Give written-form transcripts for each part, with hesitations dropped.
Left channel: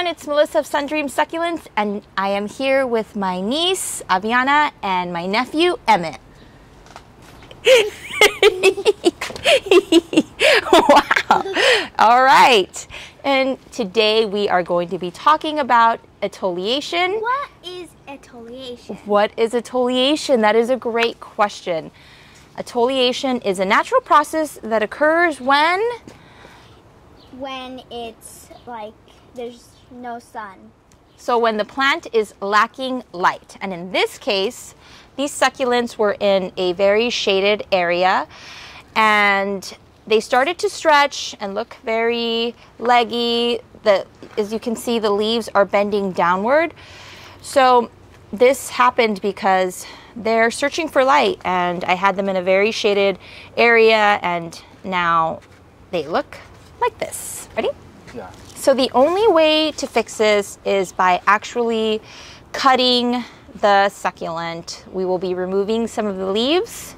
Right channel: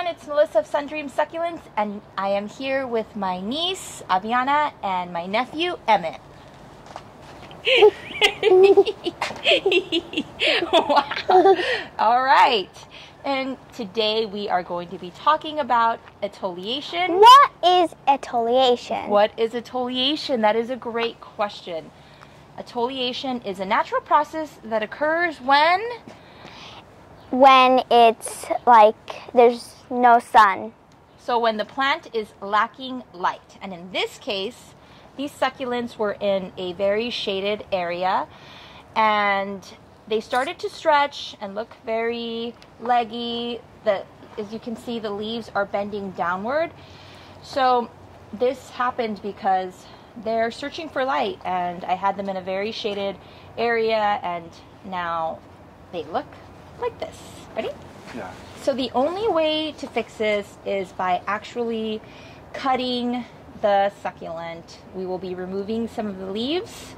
everyone, it's Melissa of Sundream Succulents, and I am here with my niece, Aviana, and my nephew, Emmett. Wow. All right. And today we are going to be talking about exfoliation. What is exfoliation? What is exfoliation? That is a great question. Exfoliation is a natural process that occurs when it's like there's no sun. So when the plant is lacking light. And in this case, these succulents were in a very shaded area and they started to stretch and look very leggy. As you can see, the leaves are bending downward. So this happened because they're searching for light, and I had them in a very shaded area, and now they look like this. Ready? Yeah. So the only way to fix this is by actually cutting the succulent. We will be removing some of the leaves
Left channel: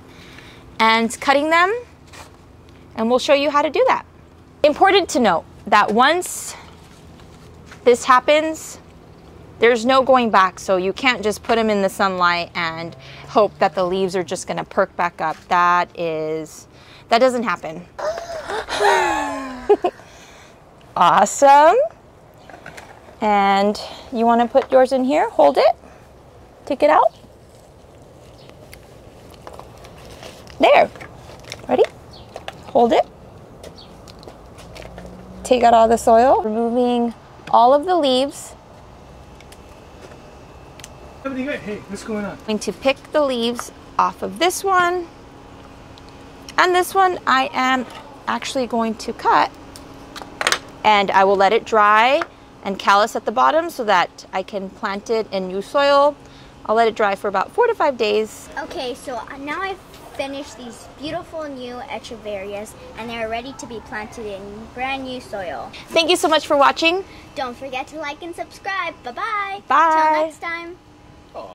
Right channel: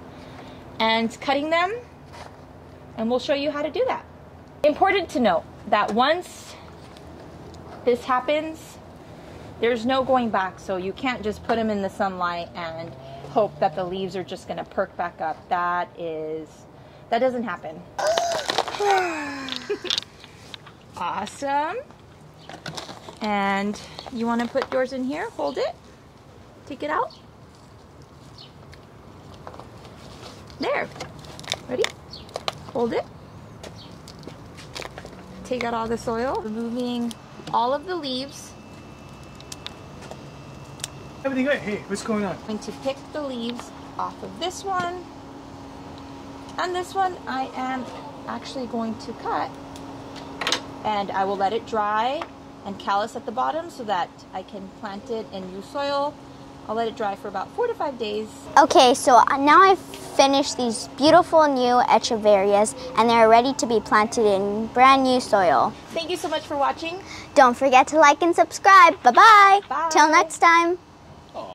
and cutting them, and we'll show you how to do that. Important to note that once this happens, there's no going back, so you can't just put them in the sunlight and hope that the leaves are just gonna perk back up. That doesn't happen. Awesome. And you wanna put yours in here, hold it, take it out. There, ready? Hold it. Take out all the soil, removing all of the leaves. Everything good? Hey, what's going on? I'm going to pick the leaves off of this one, and this one I am actually going to cut, and I will let it dry and callus at the bottom so that I can plant it in new soil. I'll let it dry for about 4 to 5 days. Okay, so now I've finished these beautiful new echeverias, and they're ready to be planted in brand new soil. Thank you so much for watching. Don't forget to like and subscribe. Bye-bye. Bye. Till next time.